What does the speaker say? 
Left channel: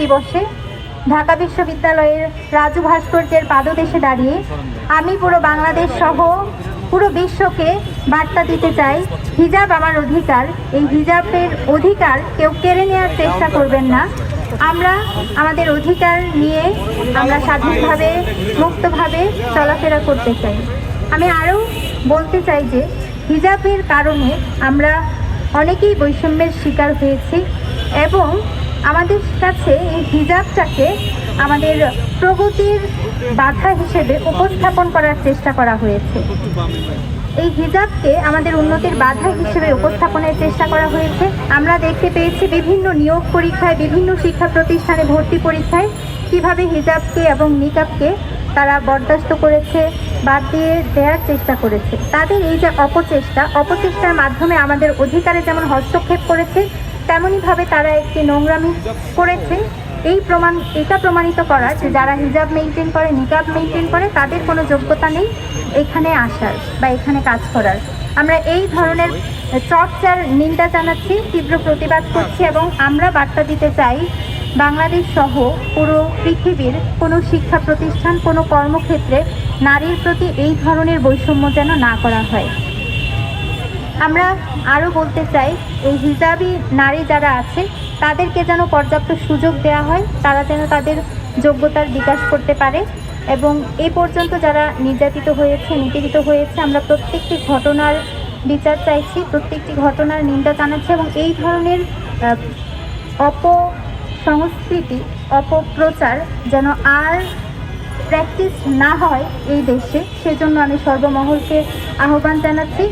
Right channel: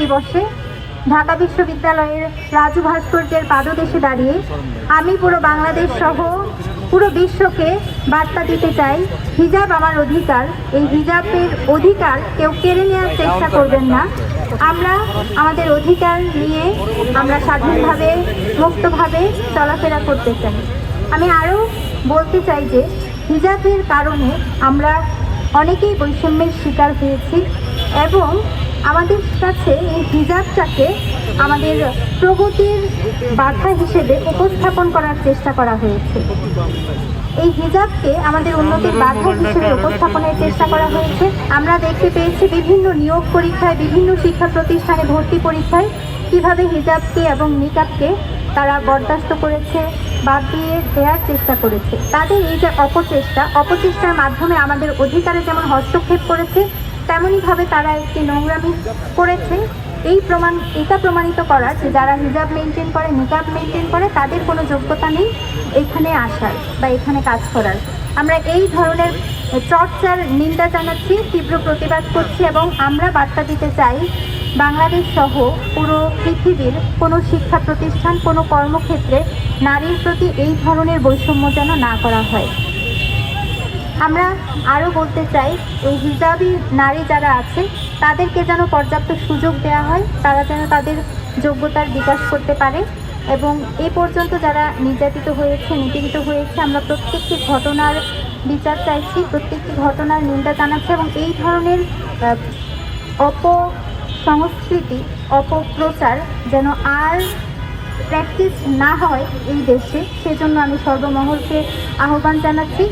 দিবসে ঢাকা বিশ্ববিদ্যালয়ের রাজু ভাস্কর্যের পাদদেশে দাঁড়িয়ে আমি পুরো বাংলাদেশ সহ পুরো বিশ্বকে বার্তা দিতে চাই, হিজাব আমার অধিকার। এই হিজাবের অধিকার কেউ কেড়ে নেওয়ার চেষ্টা করবেন না। আমরা আমাদের অধিকার নিয়ে আমরা স্বাধীনভাবে মুক্তভাবে চলাফেরা করতে চাই। আমি আরও বলতে চাই যে হিজাবের কারণে আমরা অনেকেই বৈষম্যের শিকার হয়েছি এবং আমাদের কাছে এই হিজাবটাকে আমাদের প্রগতির বাধা হিসেবে উপস্থাপন করার চেষ্টা করা হয়েছে। এই হিজাবকে আমাদের উন্নতির বাধা হিসেবে উপস্থাপনের চেষ্টা করা হয়েছে। আমরা দেখতে পেয়েছি বিভিন্ন নিয়োগ পরীক্ষায়, বিভিন্ন শিক্ষা প্রতিষ্ঠানে ভর্তি পরীক্ষায় কিভাবে হিজাবকে এবং নিকাবকে তারা বরদাস্ত করেছে, বাদ দিয়ে দেওয়ার চেষ্টা করেছে। তাদের এই যে অপচেষ্টার মাধ্যমে আমাদের অধিকারে যেমন হস্তক্ষেপ করেছে, তেমনইভাবে তারা একটি নোংরামি করেছে। এটা প্রমাণিত করা যে যারা হিজাব মেনটেন করে, নিকাব মেনটেন করে, তাদের কোনো যোগ্যতা নেই এখানে আসার বা এখানে কাজ করার। আমরা এই ধরনের চর্চার নিন্দা জানাচ্ছি, তীব্র প্রতিবাদ করছি এবং আমরা বার্তা দিতে চাই বাংলাদেশ সহ পুরো পৃথিবীর কোনো শিক্ষা প্রতিষ্ঠান, কোনো কর্মক্ষেত্রে নারীর প্রতি এই ধরনের বৈষম্য যেন না করা হয়। আমরা আরও বলতে চাই এই হিজাবি নারী যারা আছে তাদেরকে যেন পর্যাপ্ত সুযোগ দেওয়া হয়, তারা যেন তাদের যোগ্যতার বিকাশ করতে পারে এবং এই পর্যন্ত যারা নির্যাতিত হয়েছে, নিপীড়িত হয়েছে, আমরা প্রত্যেকটি ঘটনার বিচার চাইছি, প্রত্যেকটি ঘটনার নিন্দা জানাচ্ছি এবং এই ধরনের অপসংস্কৃতি, অপপ্রচার যেন আর প্র্যাকটিস না হয় এই দেশে, সেজন্য আমি সর্বমহলকে আহ্বান জানাচ্ছি।